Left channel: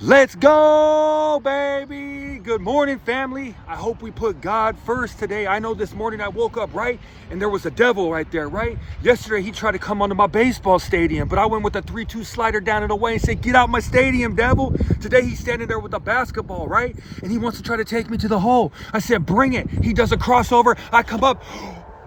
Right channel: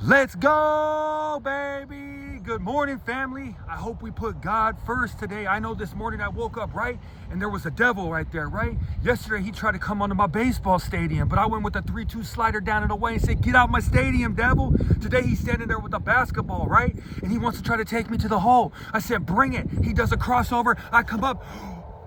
Let's go, baby. Good morning, family. I hope we put God first today. I know this morning I woke up, right? And there was a devil right there, right? Yesterday, he tried to come onto my baseball stadium, but I went with a 3-2 slider down and away and said, get out my stadium, devil. Today, he's standing there with a basketball, right? And he wants to try to take me to the hole. I said, bring it. He does a crossover. I come up.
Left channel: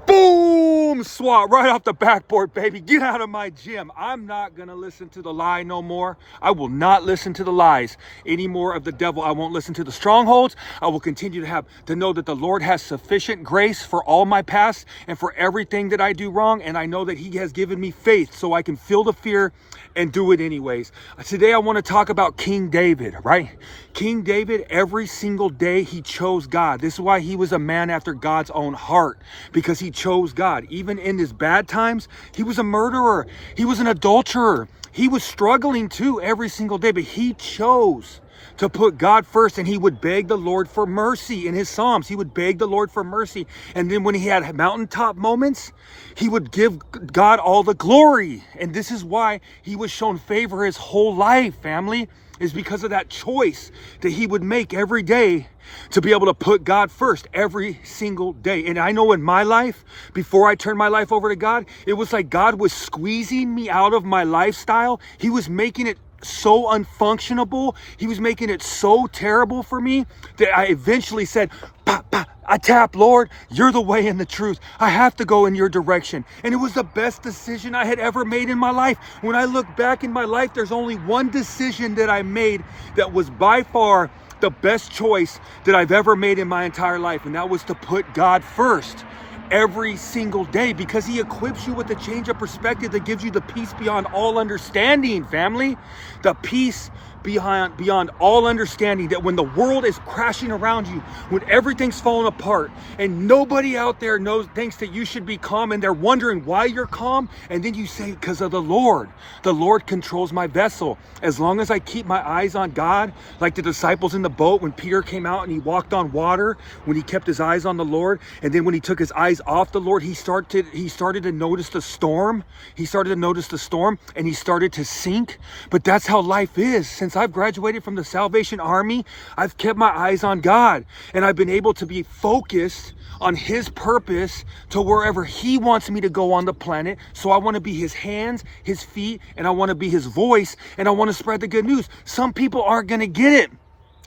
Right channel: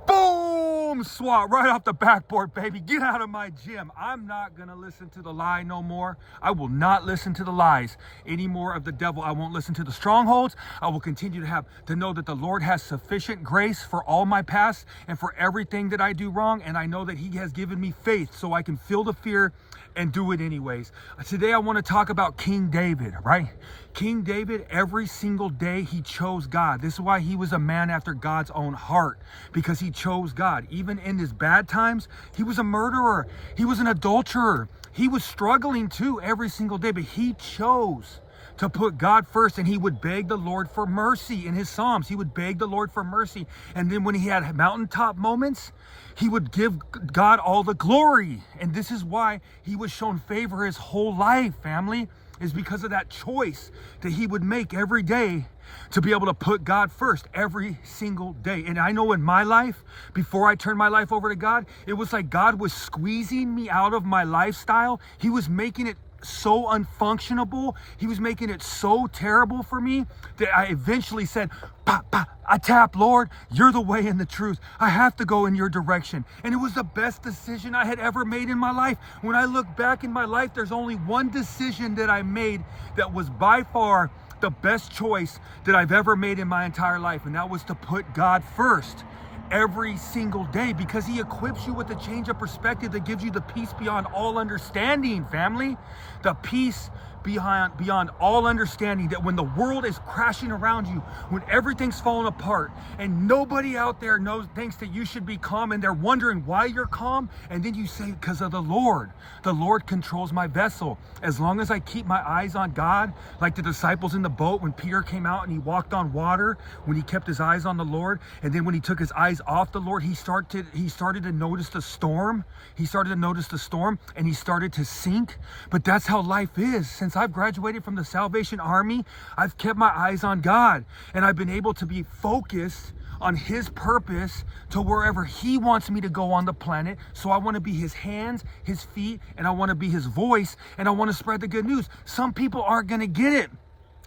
Boom! Swat right off the backboard, baby. Get out of my gym. I'm not going to listen to the lie no more. I will not listen to the lies anymore of the devil. I won't listen to the strongholds. I will continue to know that the Lord has sufficient grace for all my past and for everything that I do wrong. And I know that he has given me faith so I can feel the fear and do it anyways. Today I want to talk about King David, right? King David, every single day he chose God. This is why he was a man after God's own heart, because he chose God. Even in his bad times, he was a murderer. He was an adulterer. He was struggling too every single day, but he chose to put God first, and he would beg the Lord for mercy in his Psalms. He would beg the Lord for mercy. And then when he had mountaintop moments, he would give God all the glory. And this is why he was shown favor his whole life, family, is because of that choice that he would make every day to be able to put God first every single day. And I know in my life, before I turned my life over to God, it was like God was squeezing me out of my lifestyle. He was making it so unfunctionable. He was making it so terrible for me that I eventually said, bah, bah, I tap, Lord, you're the way and the truth. I have to go in your direction. And it was the best decision I had ever made in my life. When I look back in my life, there's only one decision that I made that was by far the best choice that I've ever made in my entire life. And that was to put God first every single day, because he equips you with a change of perspective that gives you the peace beyond all understanding, family. The peace beyond all understanding, that when the world is crashing around you, when everything's falling apart and nobody out there thinks that you should be calm, and they're wondering why you're calm, and then you say, because of the Lord. The Lord controls my vessel. As long as I keep my eyes on God, like the disciples in the boat when Peter came out and he walked on water, when he kept his eyes on the Lord, and then when he took his eyes off the Lord, he started to notice the storm. He started to notice the storm and he started to sink. But that's how life is. Since I've graduated from the Salvation Army, I've kept my eyes on God, and I've been able to be focused on his purpose to wherever he wants me to go on the planet. So I want to be his hands, his feet, and I want to be his voice, and I want to spread the good news. Some people aren't going to get it.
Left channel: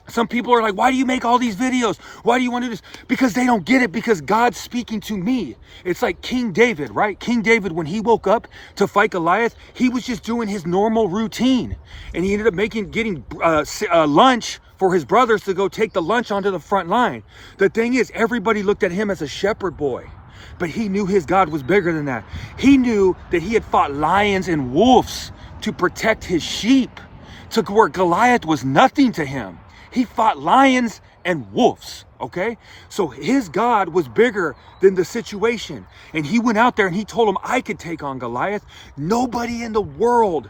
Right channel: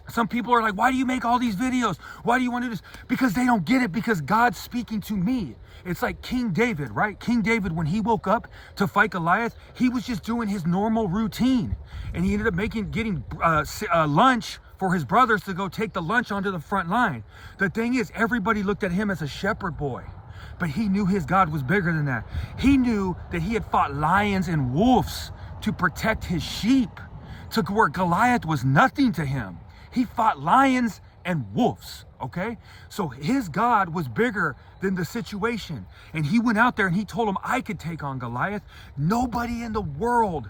Some people are like, why do you make all these videos? Why do you want to do this? Because they don't get it, because God's speaking to me. It's like King David, right? King David, when he woke up to fight Goliath, he was just doing his normal routine. And he ended up getting lunch for his brothers to go take the lunch onto the front line. The thing is, everybody looked at him as a shepherd boy. But he knew his God was bigger than that. He knew that he had fought lions and wolves to protect his sheep, to where Goliath was nothing to him. He fought lions and wolves, okay? So his God was bigger than the situation. And he went out there and he told him, I could take on Goliath. Nobody in the world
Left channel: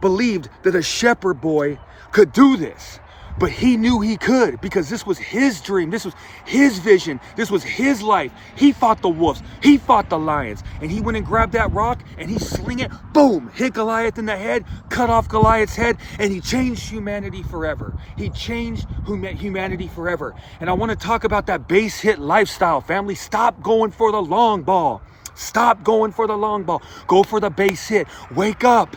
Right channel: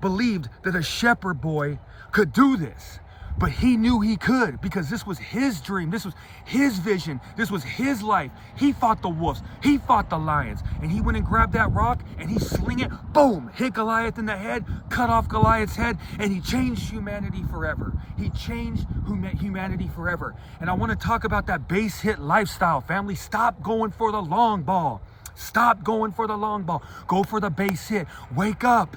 believed that a shepherd boy could do this. But he knew he could, because this was his dream. This was his vision. This was his life. He fought the wolves. He fought the lions. And he went and grabbed that rock and he sling it, boom, hit Goliath in the head, cut off Goliath's head, and he changed humanity forever. He changed humanity forever. And I want to talk about that base hit lifestyle, family. Stop going for the long ball. Stop going for the long ball. Go for the base hit. Wake up.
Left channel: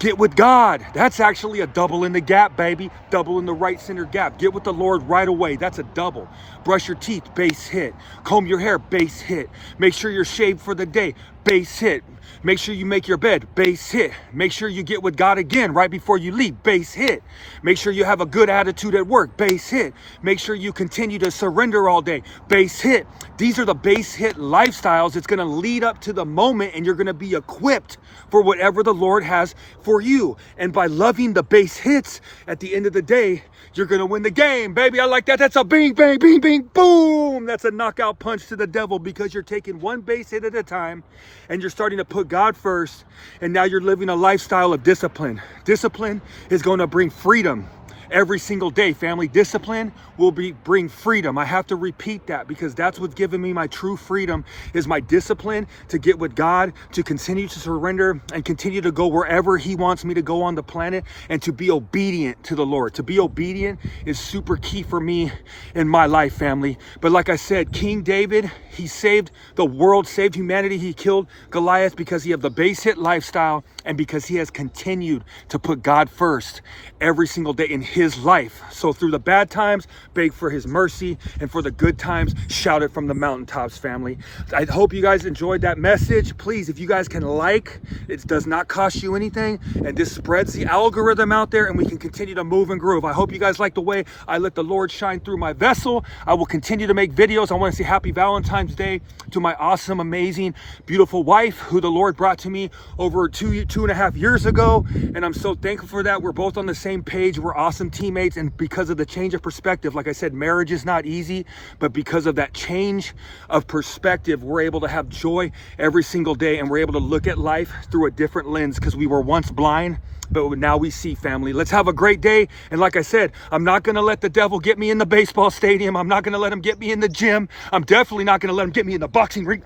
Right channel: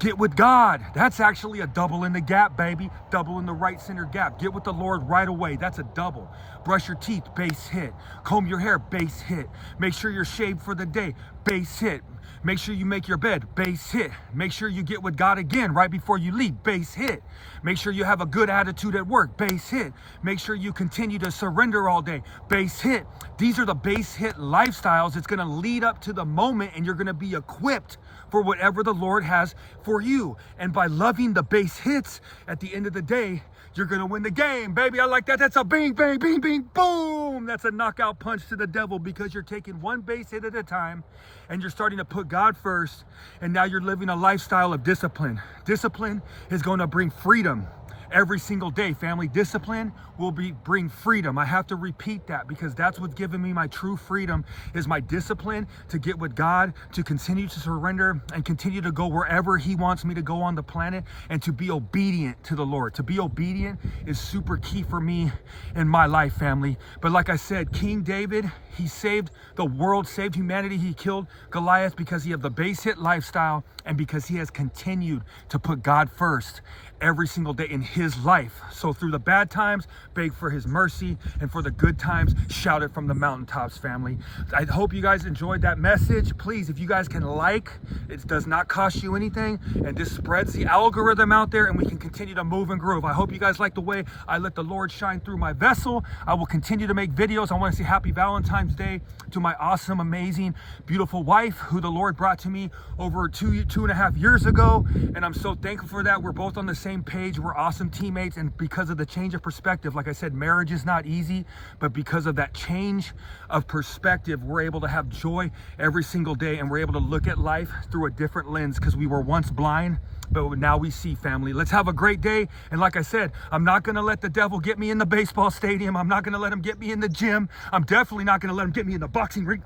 Get with God. That's actually a double in the gap, baby. Double in the right center gap. Get with the Lord right away. That's a double. Brush your teeth, base hit. Comb your hair, base hit. Make sure you're shaved for the day, base hit. Make sure you make your bed, base hit. Make sure you get with God again right before you leave, base hit. Make sure you have a good attitude at work, base hit. Make sure you continue to surrender all day, base hit. These are the base hit lifestyles. It's going to lead up to the moment, and you're going to be equipped for whatever the Lord has for you. And by loving the base hits, at the end of the day, you're going to win the game, baby. I like that. That's a bing, bang, bing, bing, boom. That's a knockout punch to the devil, because you're taking one base hit at a time and you're starting to put God first. And now you're living a lifestyle of discipline. Discipline is going to bring freedom. every single day. Family, discipline will bring freedom. I have to repeat that because that's what's given me my true freedom, is my discipline to get with God, to continue to surrender and continue to go wherever he wants me to go on the planet, and to be obedient to the Lord. To be obedient is super key for me in my life, family. But like I said, King David, he saved the world, saved humanity. He killed Goliath because he had the base hit lifestyle and because he has continued to put God first every single day in his life. So through the bad times, beg for his mercy, and for the good times, shout it from the mountaintops, family. I hope you guys enjoyed that message. Please, if you guys can like, it does not cost you anything, and this spreads the algorithm out there, and we can continue to move and groove. I hope you guys like the way I let the Lord shine through my vessel. I will continue to make videos. I want to say happy Valentine's Day to my awesome, amazing, beautiful wife, who the Lord brought to me over two and a half years ago, and I'm so thankful for that. We're both on the same page. We're awesome teammates, and because of the change of perspective, like I said, marriage is not easy, but because of that change of perspective, we're able to have joy every single day, and we're able to look at life through a different lens, because we were once blind, but now we see, family. Let's have a great day. And like I said, I'm not going to let the devil get me in the baseball stadium. I'm not going to let him get me in the gym. I'm definitely not going to let him get me in the boxing ring.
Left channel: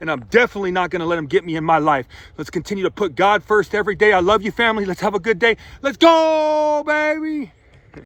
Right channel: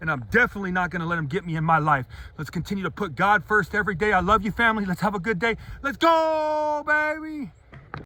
And I'm definitely not going to let him get me in my life. Let's continue to put God first every day. I love you, family. Let's have a good day. Let's go, baby.